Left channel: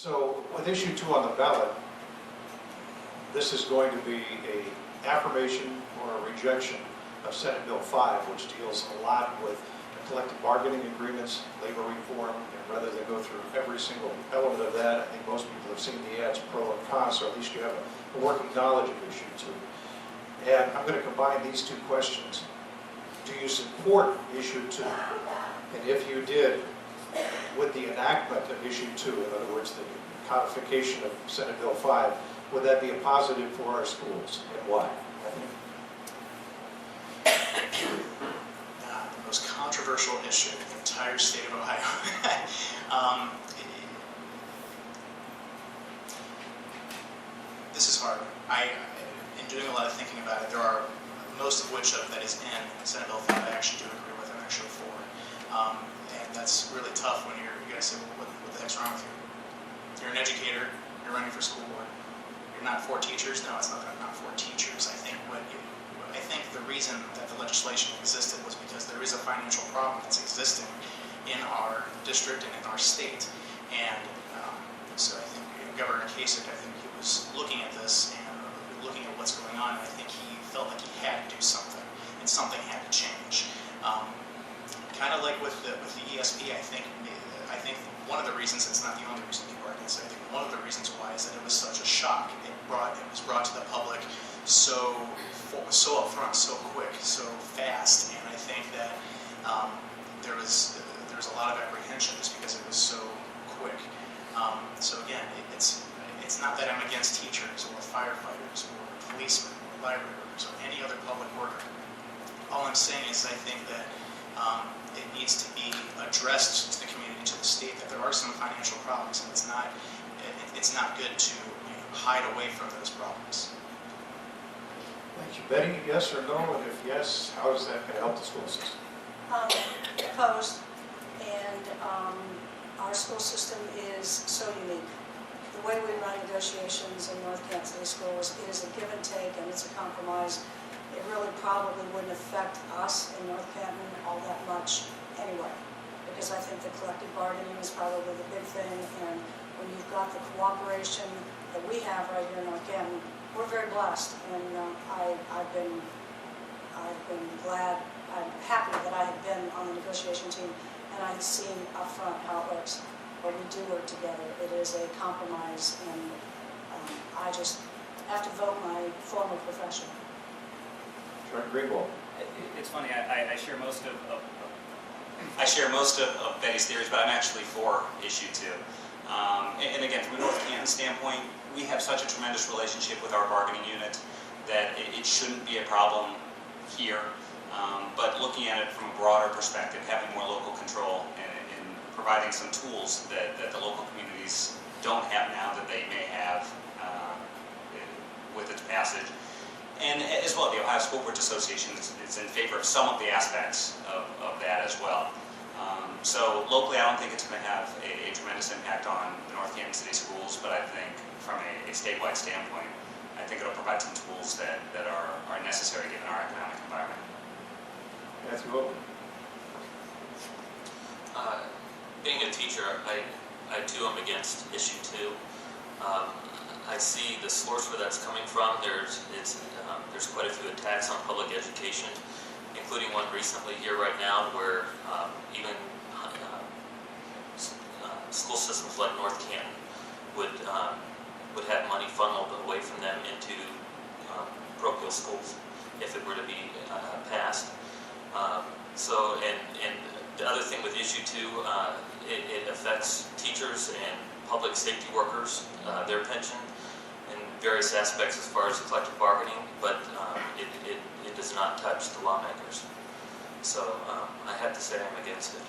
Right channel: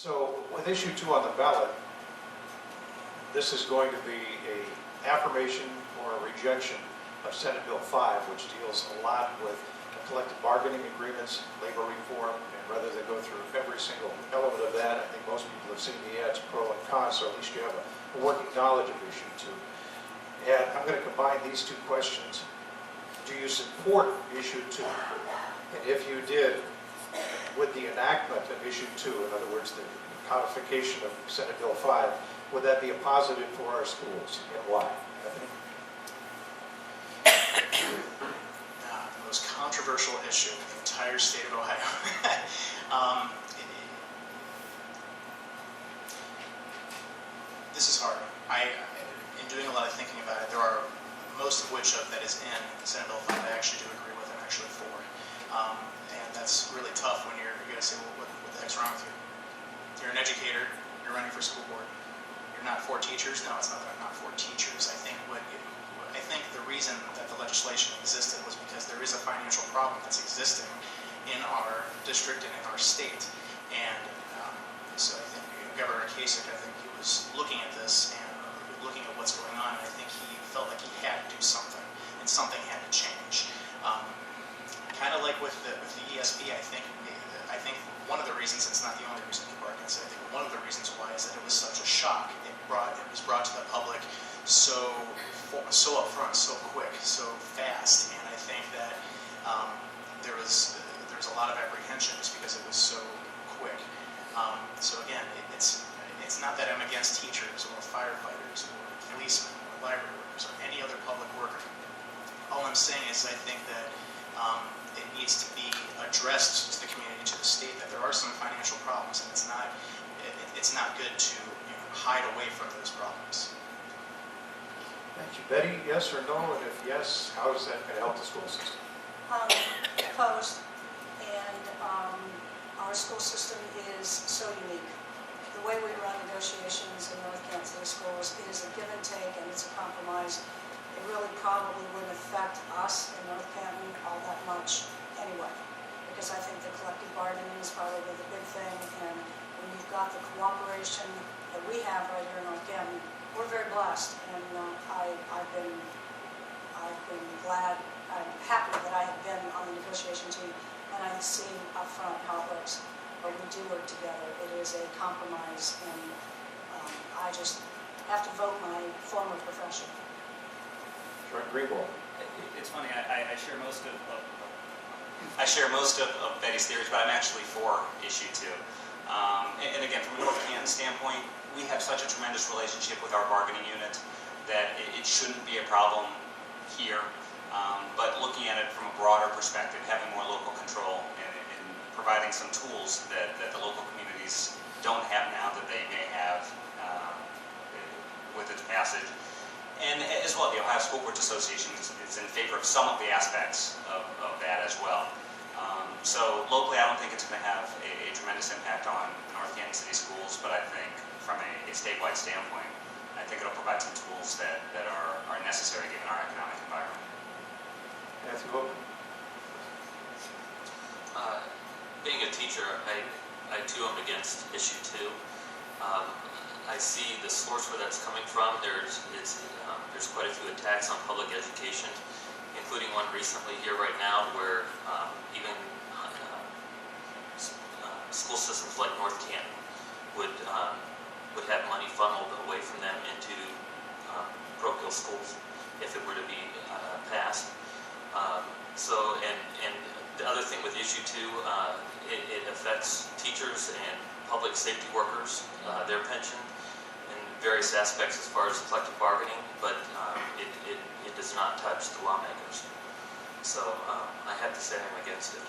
So with issue 2 on the ballot, this is going to be a affirmation or a rejection of Senate Bill 5, which deals a lot with collective bargaining agreements, labor reform, and rather than go through every single element of that, I think most people have seen the ads, pro and con, so at least you have a working knowledge of issue 2. And I'm going to combine these two questions. Do you support issue 2? And if you did, with the enactment of issue 2, in other words, the codification of Senate Bill 5, would that be a positive for our schools, and why? Anthony? The most controversial issue in the entire state of Ohio. This is hard. In doing a lot of thinking about it, there are most of which that is in Senate Bill 5 I actually do agree with and actually for. And that's really tough when you're going to say, well, what the heck's wrong with you? You're an educator, you're running for school board. You're not for teachers? No, it's not that I'm not for teachers. I think the reason that the legislation existed was because there is a financial problem that's existing in our district and in our state. And so I think Governor Kasich, I think he was looking at this and looking at what's going on, and I think he felt like he had to do something, and something had to change. Kind of like with the ESP, I think one of the reasons, it's not the only reason people are against it, I think one of the reasons why is that it was such a shock. It was brought to the public so upfront, so quick, so fast, and I think that there was a lot of apprehension just because it was so quick. So again, it's not that I'm against teachers or firefighters or policemen or library workers or any other public worker. All I'm saying is I think that it needs to be addressed to the community, to the state, that there are some financial problems, and it's not good to hide away from those problems. Thank you. Betty, yes or no? And if yes, how is that going to help the school system? Opposed. And our school system is so unique. The way we run negotiations in North Canton City Schools, it is a give and take, and it's a compromise. It really probably wouldn't affect us in North Canton all that much anyway, because I think the collective bargaining is probably the big thing, and when you've got the cooperation that we have right here in North Canton, we're very blessed, and I've been glad, I'm happy that I have been on the negotiation team, and I've seen up front how it works. But we do work together. It is a compromise, and I just have to vote my former profession. Jordan Greenwald. It's funny. I share most of I share most of Betty's theories, but I'm actually for issue 2. And again, from a North Canton standpoint, we have such a tremendous relationship with our bargaining unit that it shouldn't be a problem here. But looking at it from a broader perspective, having more local control and providing some tools that the local communities don't have now that they may have with its passage. And as well, the Ohio School Boards Association is in favor of some of the aspects of that as well. So locally, I don't think it's going to have a tremendous impact on the North Canton City Schools, but I think from a statewide standpoint, I think it'll provide some tools that are necessary given our economic environment. Matthew Boe. Being a teacher, I too am against issue 2. I see the source where that's coming from. There's quite a few attacks on public education, including one recently here right now where even school systems like North Canton would have money funneled away from them into parochial schools if it were to be passed. And the other thing with issue 2, it affects teachers and public safety workers, their pension, and various aspects as far as collective bargaining, but it does not touch the lawmakers. So I have to say I'm against it.